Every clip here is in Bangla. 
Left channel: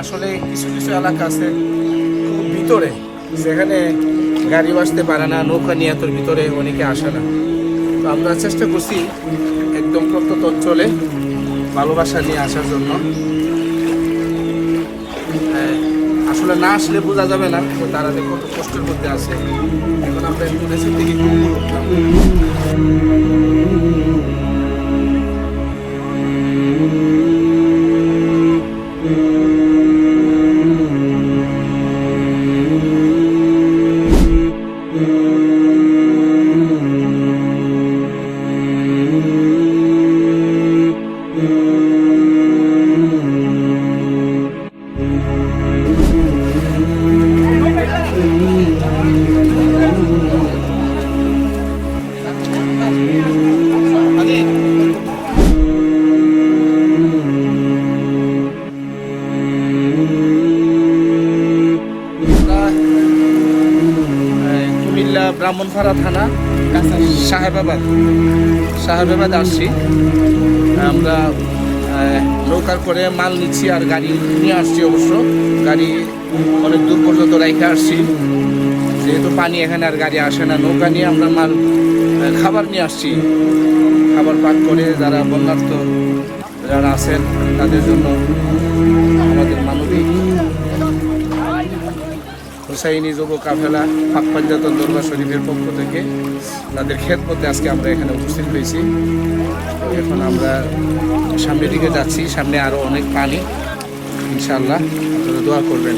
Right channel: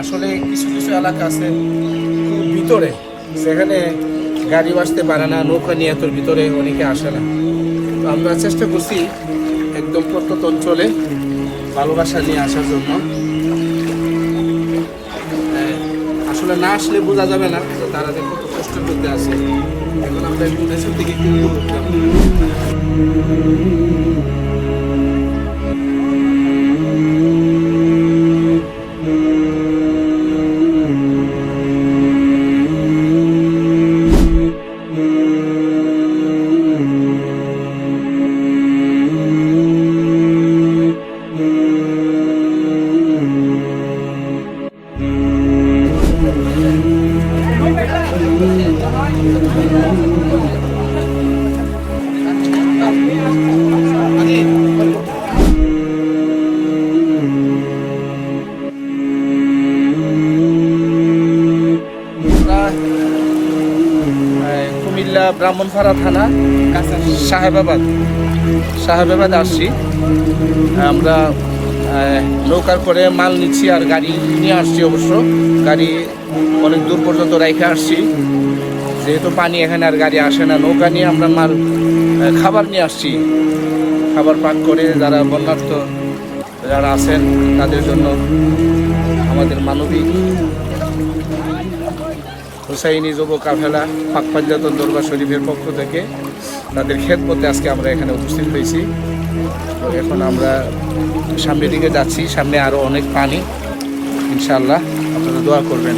আসলে কিছু কিছু এলাকা আছে খুব ভিতরে সেখানে গাড়ি আসতে পারে না নৌকা নিয়ে তোর ভিতরে অনেকে আসে না। তো আমরা চেষ্টা করছি একদম প্রত্যন্ত অঞ্চলে ভালোবাসা নিয়ে আসার জন্য। হ্যাঁ, আসলে না আসলে বোঝা যাবে না যে তারা যে কত কষ্টের মধ্যে আছে। এখন আমরা একটু দেশের দিকে একটু কুমিল্লা ব্রাহ্মণপাড়া থানা সাহেবাবাদ সাহেবাবাদ আসছি আমরা নৌকার করে মাল নিচ্ছি আর গাড়ি নিয়ে আসছি অবশ্য। গাড়ি অনেক দূর পর্যন্ত রেখে আসছি। যেহেতু পানি এখানে আর গাড়ি আসে না, নৌকা নিয়ে আমরা মাল খাবার নিয়ে আসছি। খাবার পাক করে যারা বন্যার্থ যারা আছেন, তাদের জন্য আমাদের মানবিক হুসাইনি যুব কাফেলা পাক পাঞ্জাত দরবার শরীফের পক্ষ থেকে তাদের খেদমতে আজকে আমরা এখানে উপস্থিত হয়েছি। তো এখন আমরা সামনের দিকে যাচ্ছি, সামনে আরও অনেক পানি। ইনশাল্লাহ আপনারা দোয়া করবেন।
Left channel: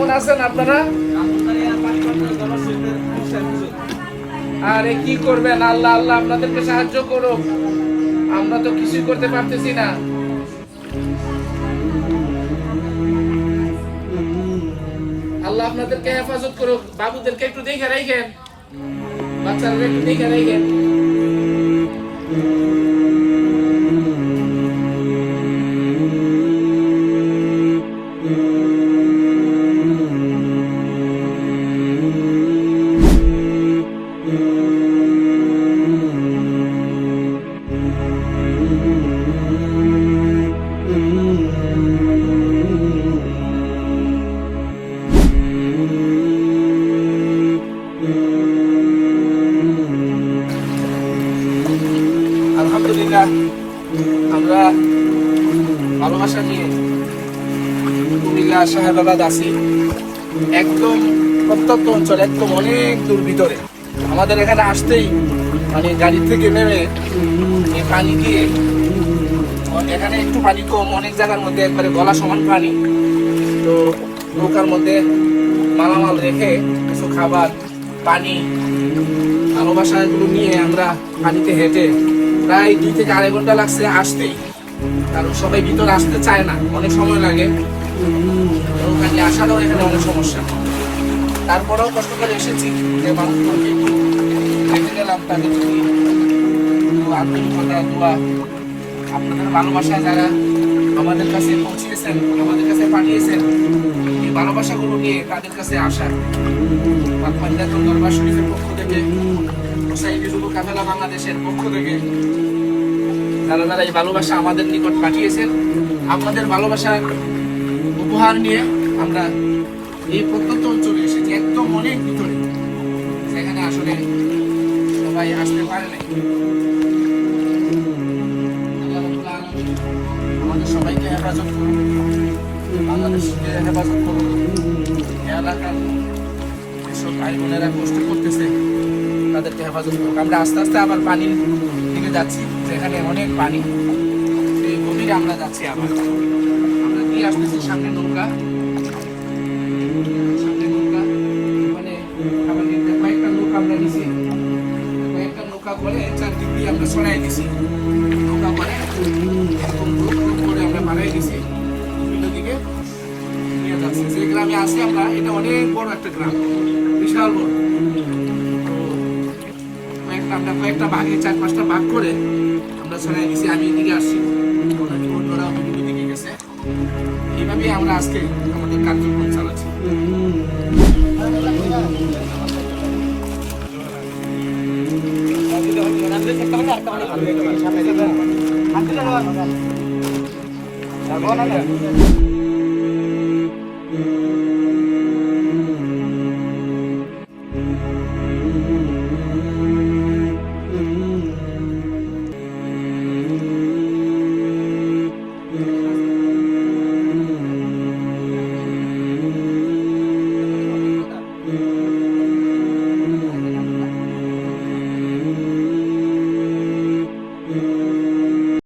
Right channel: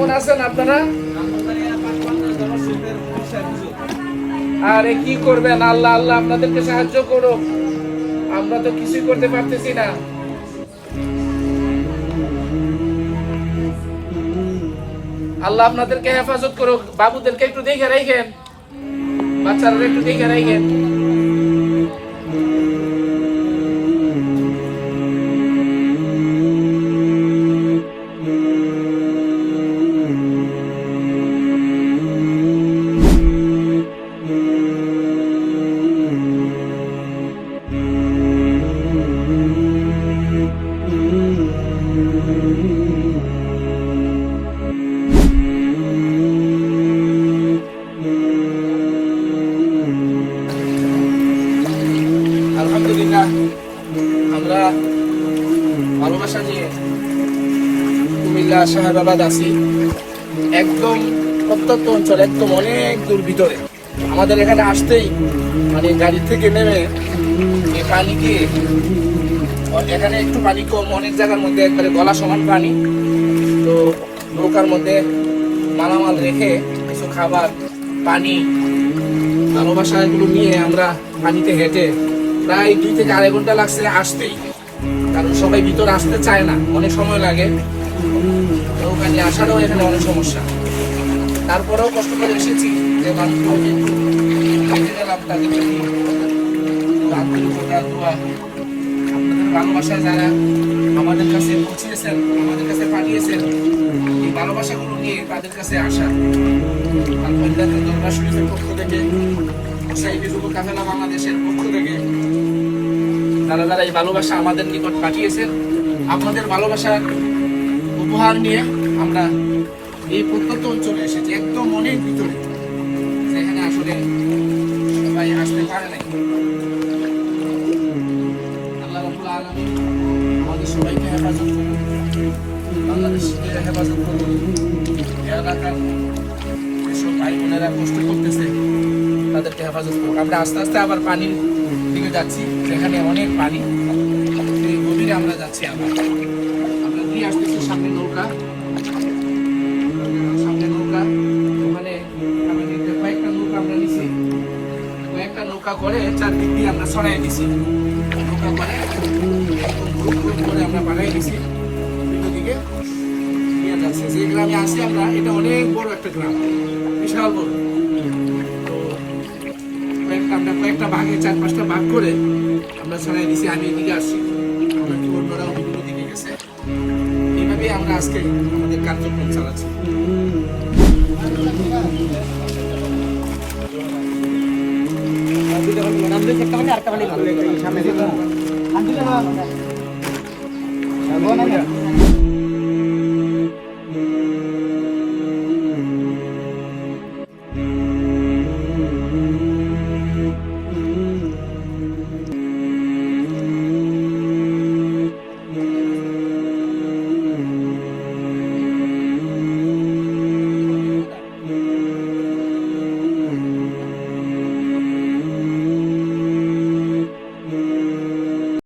কেমন আছেন আপনারা? আরে কি করবেন? আল্লাহ আল্লাহ আপনাদেরকে সাহায্য করো আমরা তো কিছুই করতে পারতেছি না। আল্লাহ আপনাদেরকে হেফাজত করো বাবুদেরকে একটু দেখে রাখেন। বাচ্চারা একটু দেখে রাখেন। ভালোবাসা নিয়ে কুমিল্লা শাহাবাদ আছি একদম প্রত্যন্ত অঞ্চল, একদম অনেক দূর ভিতরে। আমাদের এখানে আসতেই মানে গাড়ি থেকে নেমে এই পানি দিয়ে, এখানে একটু পানি কম, অনেক জায়গার মধ্যে একবারে গলা সমান পানি। তো নৌকার মধ্যে মালামাল রেখে কিছু খাবার, পানি, ভালোবাসা এগুলো নিয়ে আমরা পানিতে হেঁটে প্রায় দুই থেকে আড়াই ঘণ্টা লাগছে আসতেই। কারণ সবাই ভিতরে আসতে চায় না, অনেক সময় লাগে। নিয়ে আসারও এখানে অনেক সমস্যা। তারপরেও কষ্ট করে এসেছি যে আপনাদের ভালোবাসা যারা আমাদের কাছে পৌঁছিয়েছেন, আমাদের কাছে পাঠিয়েছেন, এই ভালোবাসাগুলো নিয়ে তাদের কাছে আসা। পাঞ্জাব দরবার শরীফের পক্ষ থেকে যুব কাফেলা বাংলাদেশের পক্ষ থেকে। যারা যারা এই ভালোবাসা আমাদের নিকট পাঠিয়েছেন আপনাদের ভালোবাসা উপহার নিয়ে আমরা এই প্রত্যন্ত অঞ্চলে এসেছি, একদম অনেক ভিতরে। সেখানে আসলে সবাই আসতে পারে নাই। হেফাজত হেফাজত আমরা আস্তে আস্তে আবার পানির দিকে যাচ্ছি সেখানে অনেক পানি। গভীর থেকে আমরা যাচ্ছি আবার। আমরা নিয়ে আসতেছি সামনে নৌকা। সামনে নৌকা। ওখানে খাবার কয়েকটা নৌকা আমরা নিছি কয়েকটা নৌকা করে চারদিক দিয়ে আমরা ছড়াই দিছি। নৌকা করে করে আমরা বানাই দিছি। বিভিন্ন দিকে নিয়ে যাচ্ছে। যে গ্রামে আছি আমরা, এটা অনেক বড় একটা গ্রাম। বিশাল বড়। আমরা কয়েকটা ভাগে চার পাঁচটা ভাগ করে আমরা ছড়াই দিছি আমি এদিকে আসছি। অনেকে অন্যরাও বিভিন্ন দিকে গেছে। এইভাবে আমরা আজকে আমাদের কার্যক্রম চালাচ্ছি।